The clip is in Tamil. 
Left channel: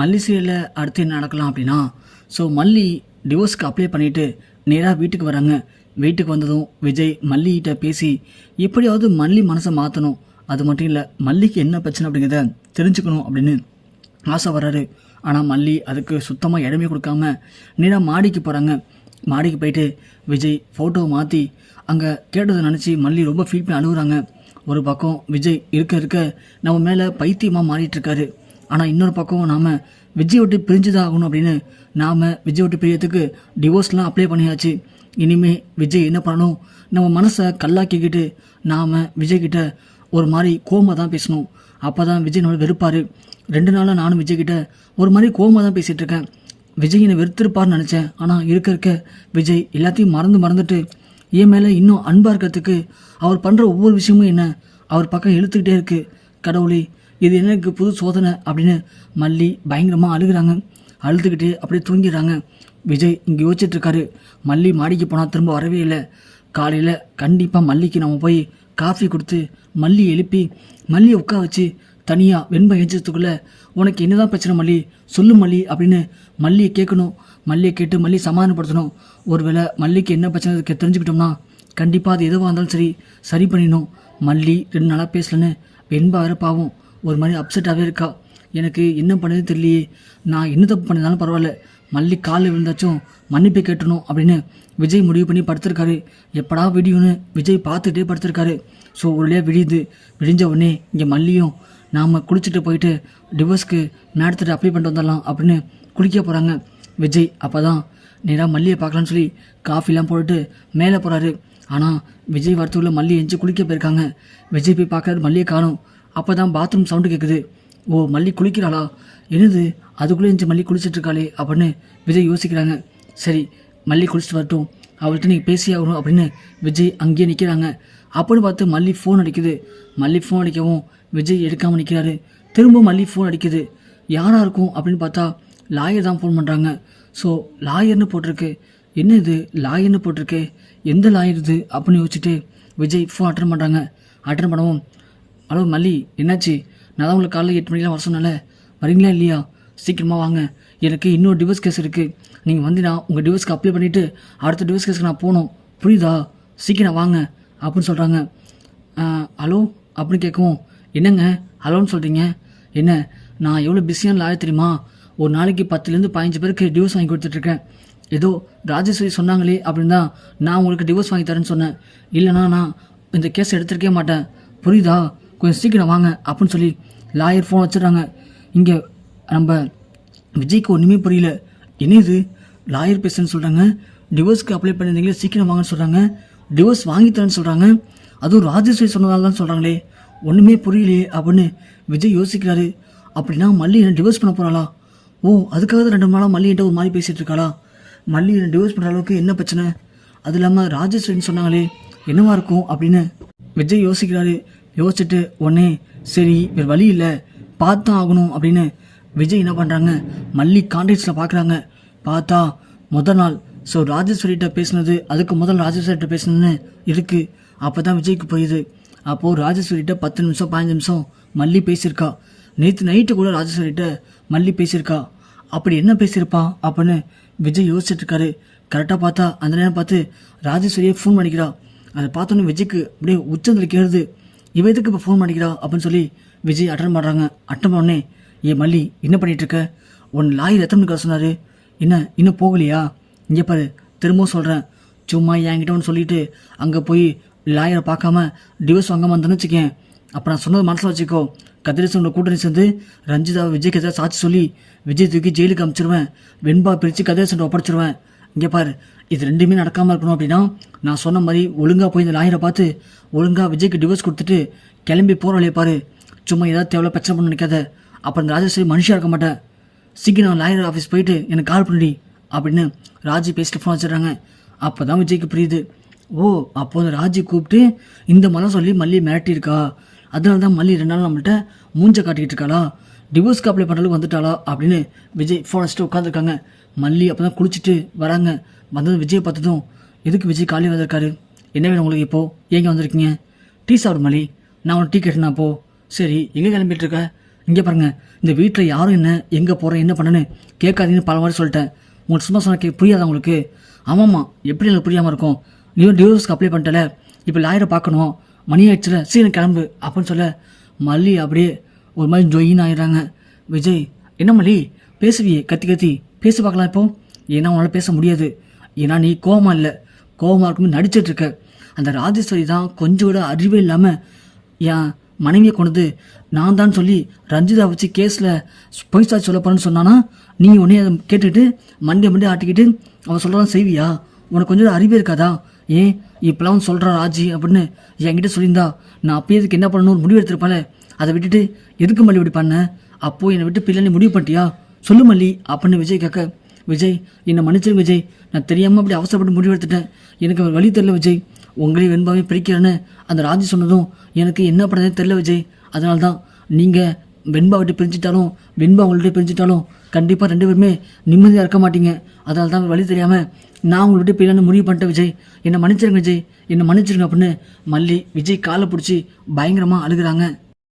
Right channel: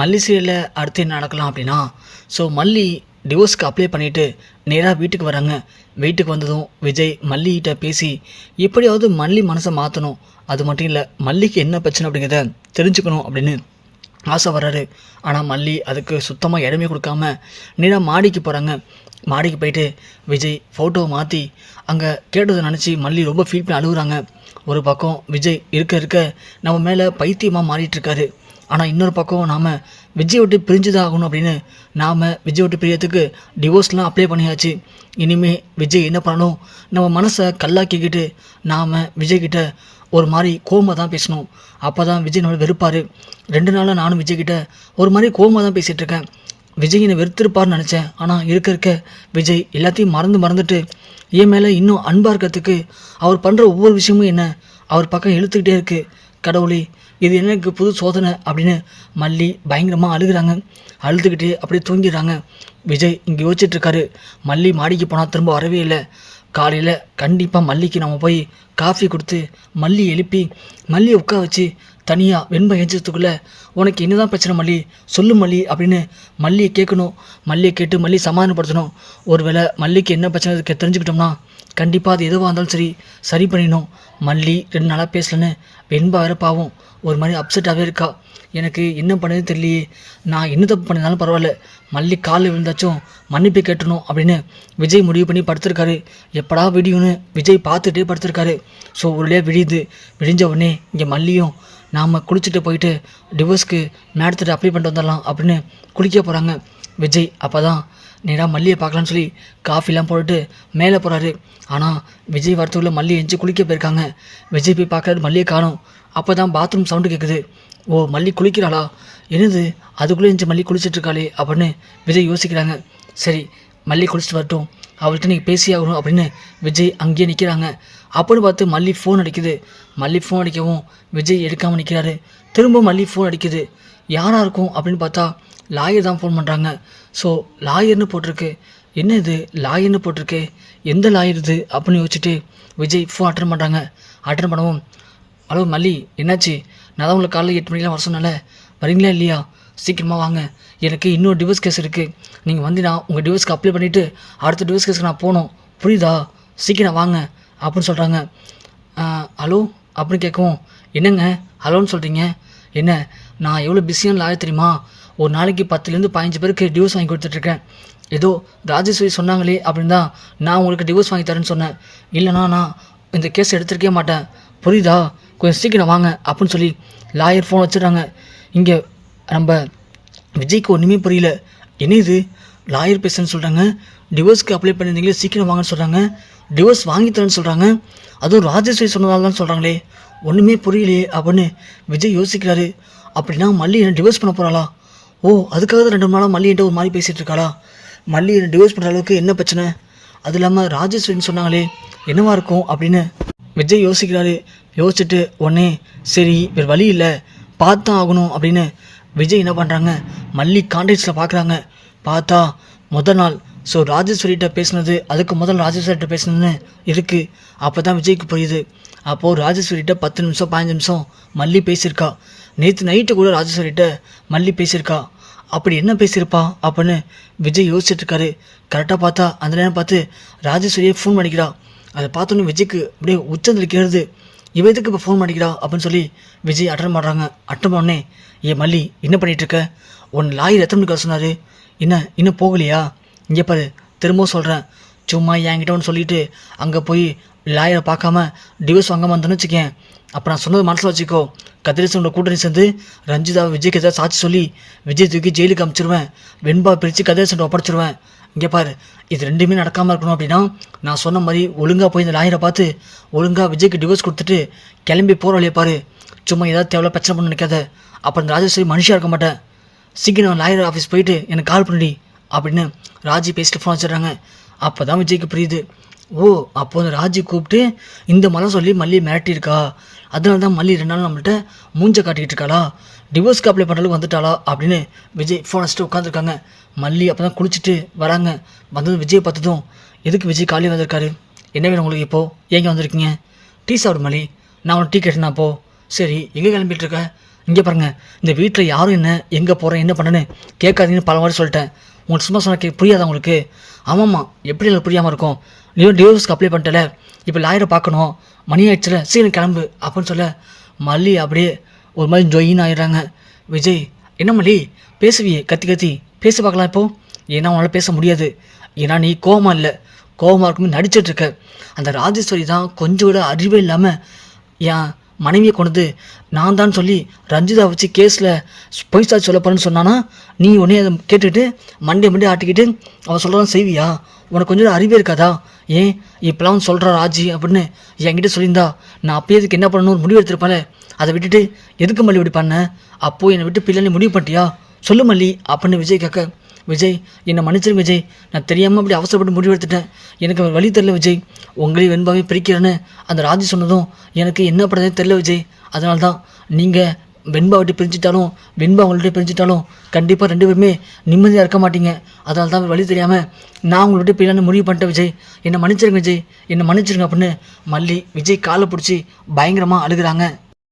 மல்லி சீரியலில் அடுத்து என்ன நடக்கலாம் அப்படின்னா, ஸோ மல்லி டிவோர்ஸ்க்கு அப்ளை பண்ணிவிட்டு நேராக வீட்டுக்கு வராங்க. வீட்டுக்கு வந்ததும் விஜய் மல்லிகிட்ட பேசி எப்படியாவது மல்லி மனசை மாற்றணும், அது மட்டும் இல்லை மல்லிக்கு என்ன பிரச்சனை அப்படிங்கிறத தெரிஞ்சுக்கணும் அப்படின்னு ஆசை வர்றாரு. ஆனால் மல்லி அதுக்கு சுத்தமாக இடமே கொடுக்காம நேராக மாடிக்கு போகிறாங்க. மாடிக்கு போயிட்டு விஜய் ஃபோட்டோவை மாற்றி அங்கே கேட்டதை நினச்சி மல்லி ரொம்ப ஃபீல் பண்ணி அழுகுறாங்க. ஒரு பக்கம் விஜய் இருக்க இருக்க நம்ம மேலே பைத்தியமாக மாறிட்டுருக்காரு. ஆனால் இன்னொரு பக்கம் நாம் விஜய் விட்டு பிரிஞ்சு தான் ஆகணும் அப்படின்னு நாம் விஜய் விட்டு பிரியறதுக்கு டிவோர்ஸ்லாம் அப்ளை பண்ணியாச்சு. இனிமேல் விஜய் என்ன பண்ணணும், நம்ம மனசை கல்லாக்கிக்கிட்டு நாம் விஜய்கிட்ட ஒரு மாதிரி கோவமாக தான் பேசணும். அப்போ தான் விஜய் நம்மளை வெறுப்பார். 2 நாளாக நானும் விஜய்கிட்ட ஒரு மாதிரி கோவமாக தான் பேசிகிட்டு இருக்கேன். விஜய் என்னை வெறுத்திருப்பார்னு நினச்சேன். ஆனால் இருக்க இருக்க விஜய் எல்லாத்தையும் மறந்துட்டு என் மேலே இன்னும் அன்பாக இருக்கிறதுக்கு அவர் பண்ணுற ஒவ்வொரு விஷயமும் என்ன அவர் பக்கம் இழுத்துக்கிட்டே இருக்குது. கடவுளே, இது எனக்கு புது சோதனை அப்படின்னு மல்லி பயங்கரமாக அழுகிறாங்க. அழுதுகிட்டே அப்படியே தூங்கிடுறாங்க. விஜய் இங்கே யோசிச்சுட்ருக்காரு. மல்லி மாடிக்கு போனால் திரும்ப வரவே இல்லை. காலையில் கண்டிப்பாக மல்லிக்கு நம்ம போய் காஃபி கொடுத்து மல்லி எழுப்பி மல்லியை உட்கார வச்சு தனியாக வெண்பை எஞ்சத்துக்குள்ளே உனக்கு என்னதான் பிரச்சனை மல்லி சொல்லு மல்லி அப்படின்னு மல்லியை கேட்கணும். மல்லியை கேட்டு மல்லி சமாதானப்படுத்தணும். ஒருவேளை மல்லிக்கு என்ன பிரச்சனை தெரிஞ்சுக்கிட்டோம்னா கண்டிப்பாக அது எதுவாக இருந்தாலும் சரி பண்ணிடணும். மல்லி 2 நாளாக பேசலன்னு வெண்பா வேறு பாவம் ஒரு மாதிரி அப்செட்டாகவே இருக்கா. எனக்கு என்ன பண்ணது தெரியலையே, நான் என்ன தப்பு பண்ணியிருந்தாலும் பரவாயில்ல, மல்லி காலில் விழுந்தாச்சும் மன்னிப்பு கேட்டணும் அப்படின்னு விஜய் முடிவு பண்ணி படுத்திருக்காரு. எப்படா விடியும்னு விஜய் பார்த்துட்டே படுத்திருக்காரு. ஸோ ஒரு வழியாக விடிஞ்ச உடனே இங்கே மல்லியும் நாம் குளிச்சுட்டு போயிட்டு டிவோர்ஸ்க்கு மேடத்துட்டு அப்ளை பண்ணிட்டு வந்துடலாம் அப்படின்னு குளிக்க போகிறாங்க. விஜய் அப்போ தான் நேராக மல்லியை பார்க்கலான்னு சொல்லி காஃபிலாம் போட்டுட்டு மேலே போகிறாரு. ஆனால் விஜய் வரத்துக்குள்ளே மல்லி எஞ்சி குளிக்க போயிருக்காங்க. விஜய் போய் பார்க்குறாரு, மல்லியை காணும். அப்போ தான் பாத்ரூம் சவுண்டு கேட்குது. ஓ, மல்லி குளிக்கிறாளா, என்னது அதுக்குள்ளே எஞ்சி மல்லி குளிச்சிட்ருக்காளே அப்படின்னு விஜய் யோசிக்கிறாங்க. சரி, மல்லி குளிச்சுட்டு வரட்டும், அவள்கிட்ட நீங்கள் பேசி ஆகணும் அப்படின்னு விஜய் அங்கேயே நிற்கிறாங்க. அப்படின்னு பார்த்து மல்லி ஃபோன் அடிக்குது. மல்லி ஃபோன் அடிக்கவும் விஜய் எடுக்காமல் நிற்கிறாரு. திரும்ப மல்லி ஃபோன் அடிக்குது. யாராக இருக்கும் அப்படின்னு பார்த்தா லாயர் தான் ஃபோன் பண்ணுறாங்க. ஸோ லாயர்னு போட்டிருக்கு. என்ன இது லாயர்னு போட்டிருக்கு, எந்த லாயர் இது அப்படின்னு யோசிச்சுட்டு விஜய் ஃபோன் அட்டன் பண்ணுறாங்க. அட்டன் பண்ணவும், ஹலோ மல்லி, என்னாச்சு? நான் தான் உங்களுக்கு காலையில் 8 மணிக்கெலாம் வர சொன்னால, வரீங்களா இல்லையா? சீக்கிரமாக வாங்க, எனக்கு இன்னொரு டிவோர்ஸ் கேஸ் இருக்குது. நீங்கள் வந்து நான் உங்கள் டிவோர்ஸ்க்கு அப்ளை பண்ணிவிட்டு அடுத்த டிவோர்ஸ் கேஸுக்கு நான் போகணும், புரியுதா? சீக்கிரம் வாங்க அப்படின்னு சொல்கிறாங்க. ஹலோ அப்படின்னு கேட்கவும், என்னங்க ஹலோன்னு சொல்கிறீங்க? என்ன, நான் எவ்வளோ பிஸியான லாயர் தெரியுமா? ஒரு நாளைக்கு 10லேருந்து 15 பேருக்கு டிவோர்ஸ் வாங்கி கொடுத்துட்ருக்கேன். ஏதோ ராஜேஸ்வரி சொன்னாங்களே அப்படின்னு தான் நான் உங்களுக்கு டிவோர்ஸ் வாங்கி தரேன்னு சொன்னேன். இல்லைனா நான் இந்த கேஸ் எடுத்துருக்கே மாட்டேன், புரியுதா? கொஞ்சம் சீக்கிரம் வாங்க அப்படின்னு சொல்லி லாயர் ஃபோன் வச்சுட்றாங்க. இங்கே நம்ம விஜய்க்கு ஒன்றுமே புரியல. என்ன இது, லாயர் பேசுன்னு சொல்கிறாங்க, டிவோர்ஸ்க்கு அப்ளை பண்ணியிருந்தீங்களே சீக்கிரம் வாங்கன்னு சொல்கிறாங்க, டிவோர்ஸ் வாங்கி தரேன்னு சொல்கிறாங்க, அதுவும் ராஜேஸ்வரி சொன்னதால தான் சொல்கிறாங்களே, ஒன்றுமே புரியலையே அப்படின்னு விஜய் யோசிக்கிறாரு. அப்படின்னா மல்லி என்ன டிவோர்ஸ் பண்ண போகிறாளா? ஓ, அதுக்காக தான் 2 நாளாக மல்லிகிட்ட ஒரு மாதிரி பேசிகிட்டு இருக்காளா? மல்லி என்ன டிவோர்ஸ் பண்ணுற அளவுக்கு என்ன பிரச்சனை? அது இல்லாமல் ராஜேஸ்வரின்னு சொன்னாங்களே, என்னவா இருக்கும் அப்படின்னு விஜய் யோசிக்கிறாரு. யோசிச்சுட்டு உடனே சரி வேறு வழி இல்லை, பார்த்தான் ஆகணும் அப்படின்னு விஜய் என்ன பண்ணுறாங்க, மல்லி கான்டாக்ட்ஸில் பார்க்குறாங்க. பார்த்தா முதல் நாள் ஸோ ராஜேஸ்வரிகிட்ட பேசுனது, அதுக்கு முதல் ராஜேஸ்வரிகிட்ட பேசுனதுன்னு இருக்குது. அப்போ தான் விஜய்க்கு புரியுது. அப்போது ராஜேஸ்வரிகிட்ட 10 நிமிஷம் 15 நிமிஷம் மல்லி பேசியிருக்கா. நேற்று நைட்டு கூட ராஜேஸ்வரிகிட்ட மல்லி பேசியிருக்கா. அப்படி என்ன பேசியிருப்பா அப்படின்னு விஜய் யோசிச்சுட்ருக்காரு. கரெக்டாக பார்த்தா அந்த நேரம் பார்த்து ராஜேஸ்வரியை ஃபோன் பண்ணிக்கிறா. அதை பார்த்தோன்னே விஜய்க்கு அப்படியே உச்சந்திருக்கிறது. இவ எதுக்கு இப்போ ஃபோன் பண்ணிக்கிறா அப்படின்னு சொல்லி விஜய் அட்டன் பண்ணுறாங்க. அட்டன் பண்ணோடனே, ஏன் மல்லி என்ன பண்ணிகிட்ருக்க? உன் லாயர் எத்தனை மணிக்கு சொன்னார்? என்ன இன்னும் போகலையா? இங்கே பாரு, திரும்பவும் சொல்கிறேன், சும்மா என்கிட்ட ஒன்று சொல்லிவிட்டு அங்கே போய் லாயரை பார்க்காம டிவோர்ஸ் வாங்காமல் வந்தோன்னு வச்சுக்கேன், அப்போ நான் சொன்னது மனசில் வச்சுக்கோ, கதிரேசனோட கூட்டணி சேர்ந்து ரஞ்சிதா விஜய்க்கு எதாவது சாட்சி சொல்லி விஜய் தூக்கி ஜெயிலுக்கு அனுப்பிச்சிருவேன், வெண்பா பிரித்து கதிரேசன் ஒப்படைச்சிருவேன். இங்கே பாரு, இது 2மே நடக்காமல் இருக்கணும் அப்படின்னா நான் சொன்ன மாதிரி ஒழுங்காக போய் இந்த லாயரை பார்த்து ஒழுங்காக விஜய்க்கு டிவோர்ஸ் கொடுத்துட்டு கிளம்பி போகிற வழியை பாரு. சும்மா ஏதாவது தேவையில்ல பிரச்சனை பண்ண நினைக்காத, அப்புறம் இந்த ராஜேஸ்வரி மனுஷியாக இருக்க மாட்டேன். சீக்கிரம் லாயர் ஆஃபீஸ் போயிட்டு எனக்கு கால் பண்ணி அப்படின்னு ராஜி பேசிட்டு ஃபோன் வச்சிடுறாங்க. அப்போ தான் விஜய்க்கு புரியுது. ஓ, அப்போ அந்த ராஜி கூப்பிட்டு இந்த மலை சொல்லி மல்லி மிரட்டியிருக்கா, அதனால தான் மல்லி 2 நாள் நம்மள்கிட்ட மூஞ்ச காட்டிக்கிட்டு இருக்காளா, டிவோர்ஸ்க்கு அப்ளை பண்ணுறதுக்கு வந்துட்டாளா அப்படின்னு விஜய் ஃபோன் வச்சுட்டு உட்காந்துருக்காங்க. மல்லி அப்போ தான் குளிச்சுட்டு வராங்க. வந்ததும் விஜய் பார்த்ததும், எதுக்கு விஜய் காலையில் வந்திருக்காரு, என்ன வேணும் உங்களுக்கு இப்போது, ஏங்க வந்திருக்கீங்க? டீ சாப்பிடு மல்லி, நான் உனக்கு டீ கேட்டேனா? அப்போ சரி, எங்கே கிளம்பிட்டு இருக்க? இங்கே பாருங்க, இந்த வீட்டில் யாரும் என்ன எங்கே போகிறேன் என்ன பண்ணேன்னு கேட்காதீங்கன்னு பல வாட்டி சொல்லிட்டேன். உங்களுக்கு சும்மா சொன்னால் புரியாதா உங்களுக்கு? ஆமாம்மா, எப்படி எனக்கு புரியாமல் இருக்கும்? நீ டிவோர்ஸ்க்கு அப்ளை பண்ணிட்டல, இப்போ லாயரை பார்க்கணும், மணி ஆயிடுச்சுல, சீக்கிரம் கிளம்பு அப்படின்னு சொல்ல மல்லி அப்படியே ஒரு மாதிரி ஜொயின் ஆகிடுறாங்க. விஜய், என்ன மல்லி பேசுவியே கத்தி கத்தி பேச பார்க்கலாம் இப்போ? ஏன்னா உன்னால் பேச முடியாது. ஏன்னா நீ கோவமாக இல்லை, கோவமாக இருக்குமே நடிச்சிட்ருக்க. அந்த ராஜேஸ்வரி தான் கொஞ்சம் கூட அறிவே இல்லாமல் என் மனைவியை கொண்டு நான் தான் சொல்லி ரஞ்சிதா வச்சு கேஸில் பொய் சாட்சி சொல்ல போகிறேன்னு சொன்னானா, நீ உடனே அதை கேட்டுட்டு மண்டே ஆட்டிக்கிட்டு அவன் சொல்கிறான் செய்வியா? உனக்கு கொஞ்சம் அறிவே இருக்காதா? ஏன் இப்போலாம் சொல்கிற ராஜி அப்படின்னு என்கிட்ட சொல்லியிருந்தா நான் அப்பயே இதுக்கு என்ன பண்ணணும்னு முடிவு எடுத்திருப்பேன். அதை விட்டுட்டு எதுக்கு மல்லி இப்படி பண்ண? அப்போது என்னை விட்டு பிள்ளைன்னு முடிவு பண்ணிட்டியா? சொல்லு மல்லி அப்படின்னு விஜய் கேட்க, விஜய் என்னை மன்னிச்சிருங்க விஜய், நான் தெரியாமல் அப்படி அவசரப்பட்டு முடிவு எடுத்துட்டேன். எனக்கு அவர் வழி தெரில விஜய். உங்களையும் வெண்பாவே பிரிக்கிறேன்னு அந்த ராஜி சொன்னதும் எனக்கு என்ன பண்ணுறதுன்னு தெரில விஜய். அதனால தான் நீங்கள் வெண்பா விட்டு பிரிஞ்சிட்டாலும் வெண்பா உங்கள்கிட்ட பிரிஞ்சிட்டாலும் கண்டிப்பாக 2 பேருமே நிம்மதியாக இருக்க மாட்டீங்க. அதனால தான் வழி தெரியாமல் நான் உங்கள்கிட்ட பிள்ளைன்னு முடிவு பண்ணிட்டேன் விஜய். என்னை மன்னிச்சிருங்க விஜய், என்னை மன்னிச்சிருங்க அப்படின்னு மல்லி விஜய் காலை பிடிச்சி பயங்கரமாக அழுகிறாங்க.